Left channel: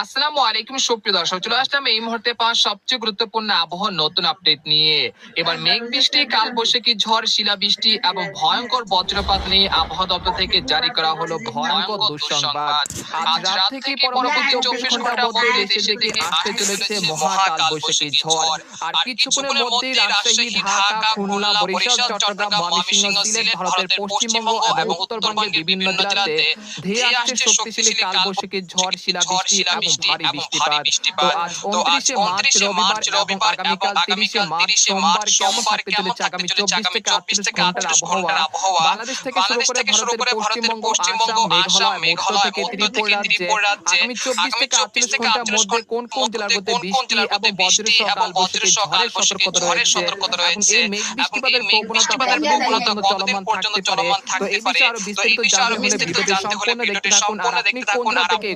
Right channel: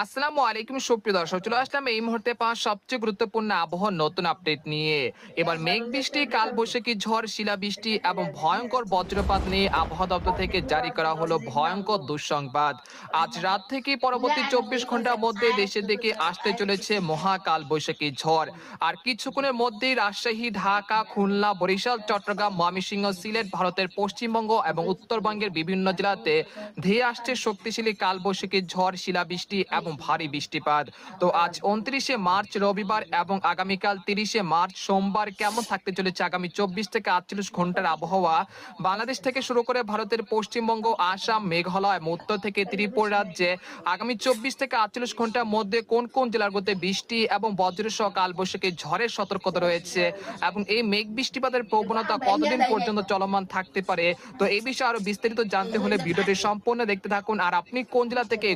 আসসালামু আলাইকুম সুপ্রিয় দর্শক, চলে আসলাম এই মুহূর্তে পাওয়া সবচেয়ে গুরুত্বপূর্ণ আবহাওয়ার নতুন আপডেট নিয়ে। এবার মেঘ বৃষ্টি, কালবৈশাখী ঝড়, শিলাবৃষ্টি এবং ভয়ঙ্কর বজ্রপাত নিয়ে আবহাওয়া দপ্তর থেকে জারি করা হলো ভয়ঙ্কর দুঃসংবাদ। আজ রাত থেকে পরবর্তী 24 ঘন্টার মধ্যে দেশের দিকে আসতে চলেছে মহা কালবৈশাখী ঝড়। আর কিছুক্ষণের মধ্যেই রাজশাহী, ঢাকা, খুলনা, বরিশাল, চট্টগ্রাম, ময়মনসিংহ, সিলেট, ভারতের পশ্চিমবঙ্গ এবং উত্তরবঙ্গের বিভিন্ন জেলাতে ধেয়ে আসছে শক্তিশালী কালবৈশাখী ঝড়, শিলাবৃষ্টি এবং ভারী বৃষ্টিপাত। তো আজ 29শে মার্চ রবিবার এবং আগামীকাল 30শে মার্চ সোমবার কেমন থাকতে চলেছে আগামী 24 থেকে 48 ঘন্টার আবহাওয়া? বাংলাদেশ থেকে শুরু করে ভারতের পশ্চিমবঙ্গ, আসাম, মেঘালয় এবং উত্তর থেকে ত্রিপুরা রাজ্যে আগামী 24 থেকে 48 ঘন্টার মধ্যে কোন কোন জেলাগুলোতে বৃষ্টি এবং বজ্রসহ কালবৈশাখী ঝড়ের সতর্কতা রয়েছে এবং এই মেঘ বৃষ্টিপাতের প্রবণতা কতদিন পর্যন্ত চলমান থাকতে পারে? তো এই বিষয়ে আরো বিস্তারিত জানতে হলে ভিডিওটি সম্পূর্ণ দেখতে থাকুন। আর আপনি কোন জেলা থেকে